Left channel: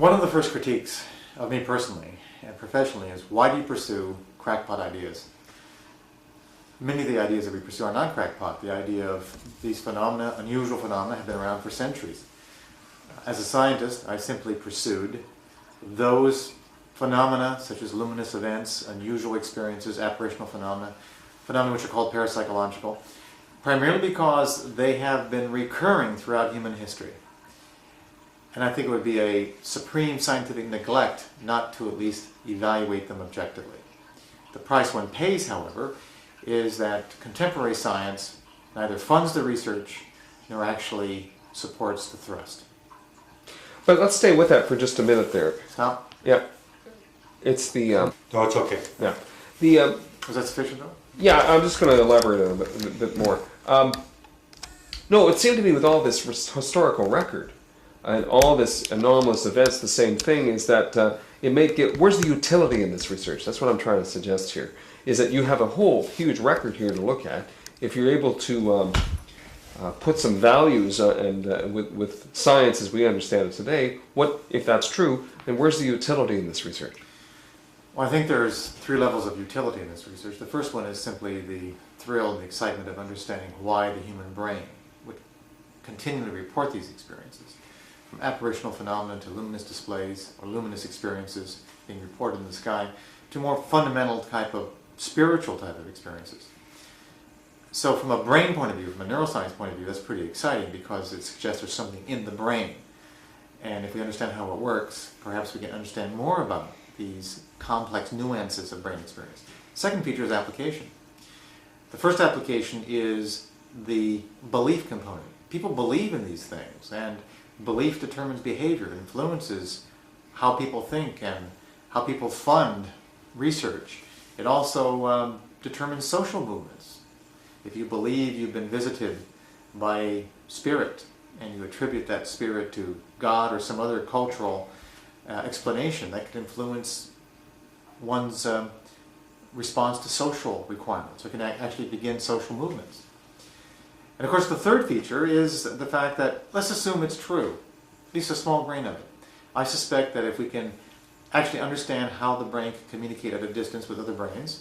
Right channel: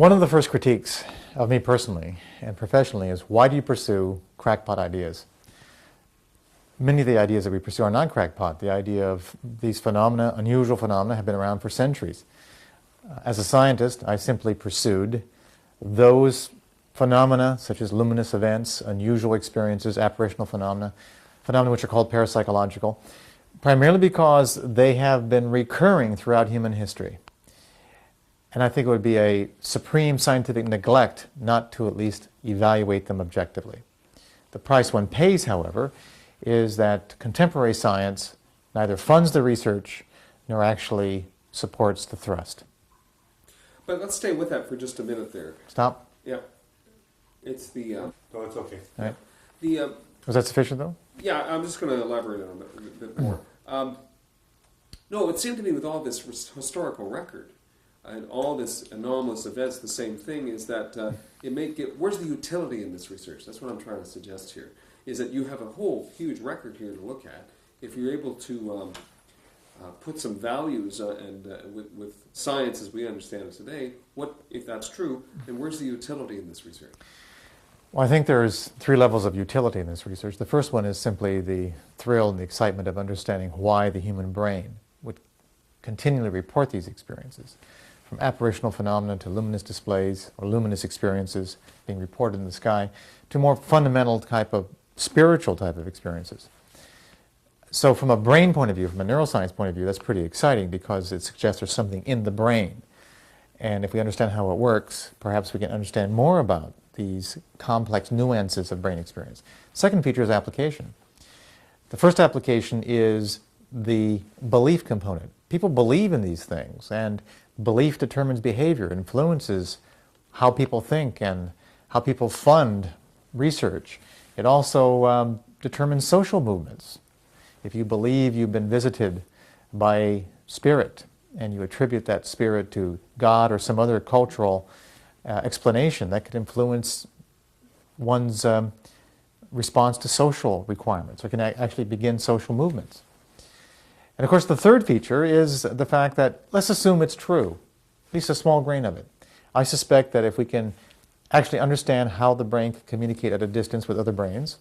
One of the first critiques of me personally and professionally is, why do you pursue crackpot ideas? Many of the ideas that we pursue are not crackpot. The idea of these phenomena, unusual phenomena, have been around for centuries. As a scientist, I simply pursued those phenomena, such as luminous events, unusual experiences, apparitional phenomena, phenomena which are called parapsychological, primarily because they have been recurring throughout human history. And I think it would be a supreme scientific neglect not to at least evaluate them objectively. The price one pays, however, is that contemporary science neither funds the research nor actually supports the thrust. But let's stay with that for just a minute there. Stop. Yeah. It's the... No, it's okay. Yeah. The... Was that sufficient, though? Yeah, I'm just going to elaborate a bit more. No, it seemed to me with all this historical record and all this anomalous events, the same thing is that it may get... Where's the utility in this research? That's what I'm trying to suggest here. Is that you have a whole huge record here to look at. If you're able to put some values with science as we understand it today, what if that's true, then where's the utility in this research? Well, I think there's three levels of utility in this research. The first one is simply the thrill and the excitement of understanding why the human brain would continually report these experiences. From apparitional phenomena to luminous displays or luminous experiences being reported in the sky to more fundamental spiritual type of experiences. So from a brain point of view, from a neuroscience point of view, that's pretty exciting because it suggests there's something in the brain. And if we understand how it works, perhaps we can understand more about these complex nuances of brain experience. Second feature is application. The first application is the belief component. People believe in these things, and belief determines behavior, influences how people think and how people fund research. It also determines social movements. If you believe you've been visited by a spirit and you attribute that spirit to God or some other cultural explanation, that could influence one's response to social requirements, or can actually begin social movements. And of course the third feature is the fact that, let's assume it's true, at least a small grain of it. I suspect that if we can actually understand how the brain can communicate at a distance with other brains,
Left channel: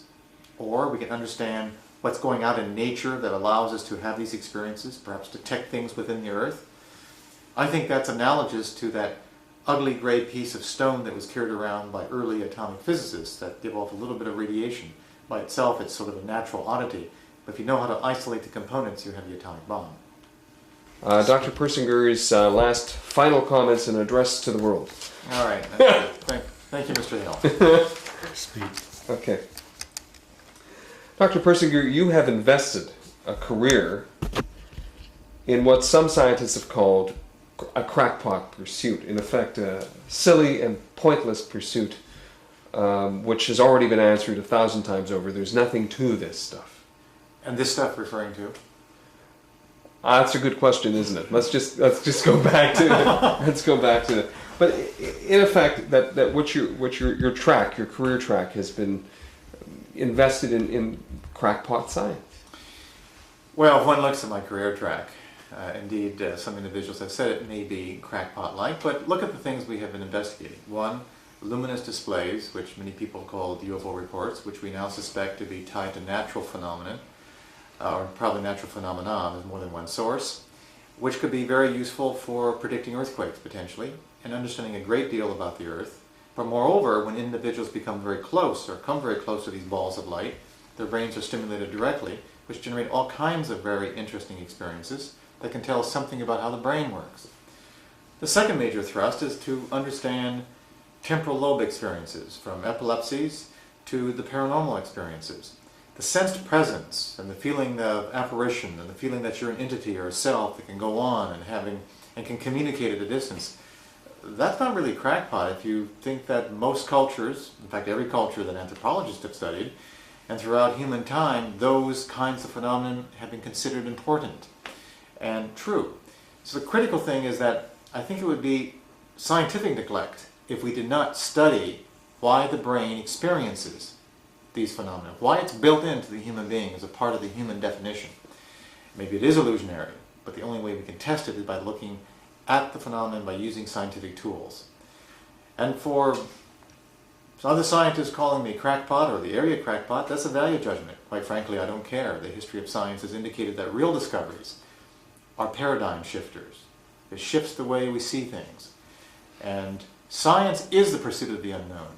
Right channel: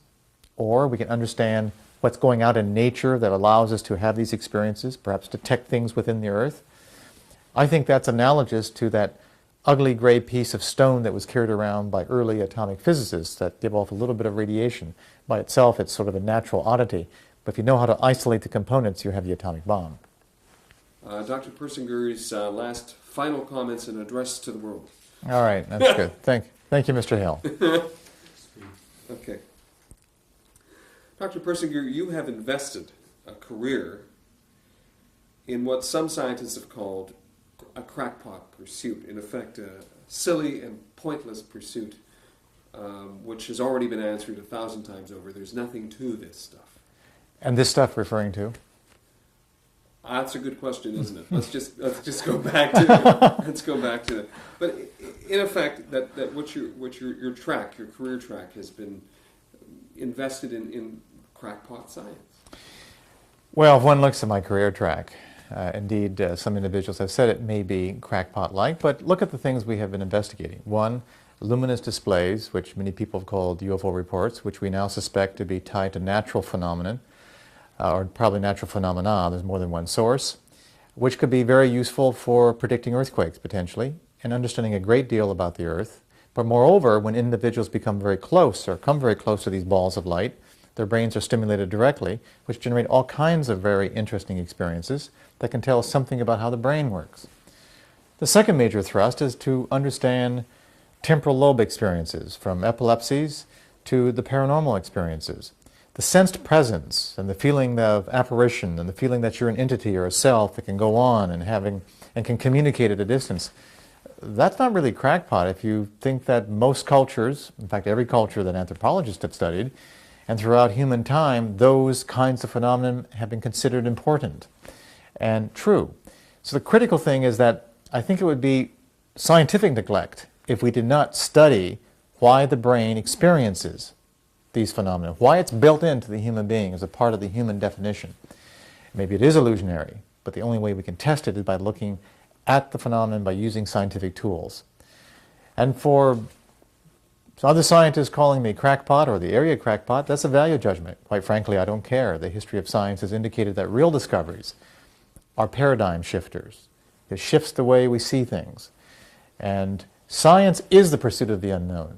or we can understand what's going on in nature that allows us to have these experiences, perhaps detect things within the earth, I think that's analogous to that ugly gray piece of stone that was carried around by early atomic physicists that give off a little bit of radiation. By itself, it's sort of a natural oddity, but if you know how to isolate the components, you have the atomic bomb. Dr. Persinger's last final comments and address to the world. All right, that's good. Thank you, Mr. Hale. Speed. Okay. Dr. Persinger, you have invested a career in what some scientists have called a crackpot pursuit, in effect a silly and pointless pursuit, which has already been answered 1,000 times over. There's nothing to this stuff. And this stuff referring to? That's a good question, isn't it? Let's just go back to it. Let's go back to it. But in effect, that what your track, your career track, has been invested in crackpot science. Well, if one looks at my career track, indeed, some individuals have said it may be crackpot-like, but look at the things we have been investigating. One, luminous displays, which many people have called UFO reports, which we now suspect to be tied to natural phenomenon, or probably natural phenomena. There's more than one source, which could be very useful for predicting earthquakes, potentially, and understanding a great deal about the Earth. But moreover, when individuals become very close, or come very close to these balls of light, their brains are stimulated directly, which generate all kinds of very interesting experiences that can tell us something about how the brain works. The second major thrust is to understand temporal lobe experiences, from epilepsies to the paranormal experiences. The sensed presence and the feeling of apparition and the feeling that you're an entity or a self that can go on and can communicate at a distance, that's not really crackpot if you think that most cultures, in fact every culture that anthropologists have studied, and throughout human time, those kinds of phenomena have been considered important and true. So the critical thing is that I think it would be scientific neglect if we did not study why the brain experiences these phenomena, why it's built into the human being as a part of the human definition. Maybe it is illusionary, but the only way we can test it is by looking at the phenomenon by using scientific tools. And for other scientists calling me crackpot or the area crackpot, that's a value judgment. Quite frankly, I don't care. The history of science has indicated that real discoveries are paradigm shifters. It shifts the way we see things. And science is the pursuit of the unknown.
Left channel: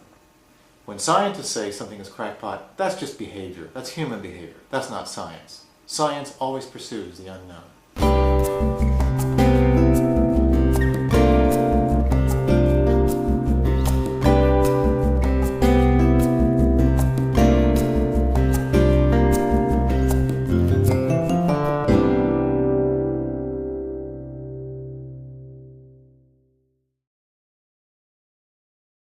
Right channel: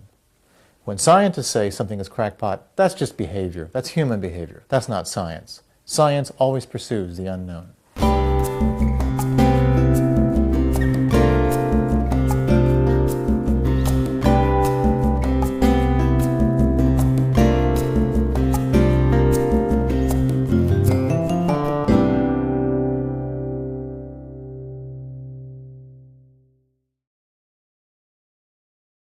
When scientists say something is crackpot, that's just behavior. That's human behavior. That's not science. Science always pursues the unknown.